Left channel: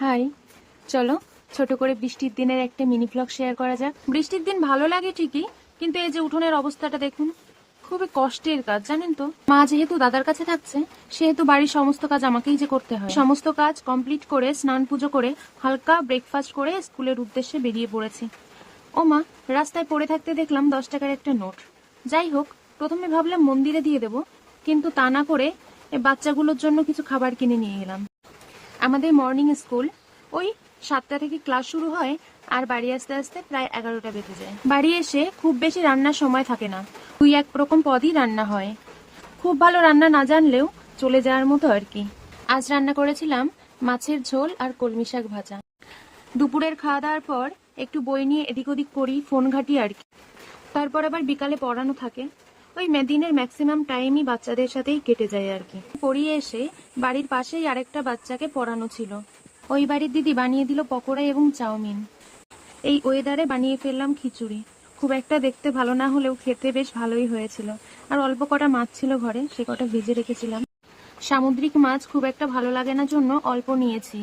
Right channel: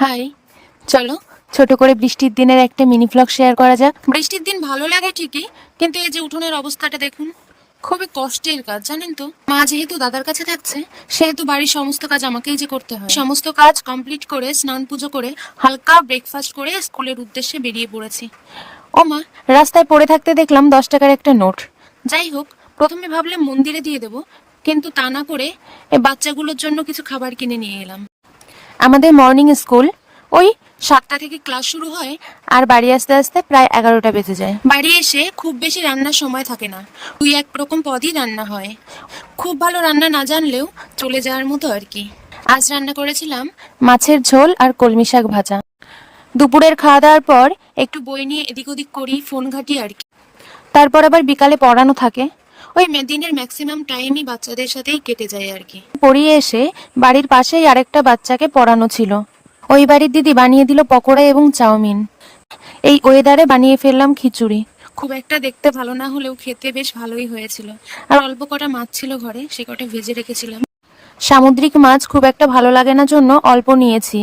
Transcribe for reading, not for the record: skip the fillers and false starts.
High, চলো ছোট করে বৃষ্টির দিনের একটা মিনি ভ্লগ শেয়ার করা যাক। বৃষ্টির দিন ভালো লাগে ঠিকই, কিন্তু এই যে উঠোনের অবস্থাটা দেখুন, খুবই কষ্টের কাজ জানেন তো। মা যেহেতু দাদার কাছে থাকছে, সেহেতু বাড়ির সমস্ত কাজ আমাকেই যে করতে হয়। সমস্ত কাজ কমপ্লিট করে স্নান পুজো করে হালকা ব্রেকফাস্ট করে স্কুলের উদ্দেশ্যে বেরিয়ে পড়েছি। ও মা, রাস্তায় পড়ে থাকতে দেখলাম 10 টাকার একটা নোট। যাই হোক, প্রথমে ভাবলাম মন্দিরে দিয়ে দেবো, কিন্তু তা না করে এই বাচ্চাগুলোর জন্য কিছু খাবার কিনে নিয়ে এলাম। আমাদের মর্নিং স্কুল ওই 7টা থেকে ক্লাস শুরু হয়, আর বাড়ি আসতে আসতে প্রায় 11টা বেজে যায়। বাড়ি এসে খুব বেশি রান্নার সময় থাকে না, 2-1 রকম পদই রান্না হয়। খুব ভালো রান্না না জানলেও চলে যাওয়ার মতো আর কি। আজ রান্না করেছিলাম মাছের ঝোল আর কলমি শাক ভাজা। দুপুরের খাওয়া দাওয়ার পর একটু বই নিয়ে এদিক ওদিক করি, ফোন ঘাঁটি আর কি। তারপর আবার বিকালে পড়ানো থাকে। ওই দিনের ম্যাক্সিমাম টাইমই বাচ্চাদের সাথেই কেটে যায় আর কি। পড়িয়ে এসে বাড়ির পাশেই আরেকটা বাচ্চাকে পড়ানো ছিল। ওই বাড়ির দিদি বানিয়ে দিল পকোড়া এবং চাউমিন। এই ওয়েদারে বানিয়ে ফেললাম খিচুড়ি। খুব একটা দেখতে ভালো না হলেও খেতে বেশ ভালোই হয়েছিল। আর অল্প কটা মাছ ছিল ঘরে, সে কটা ভেজে রেখেছিলাম। সামুদ্রিক মাছ খুব একটা ভালো লাগে না জন্য অল্প নিয়েছি।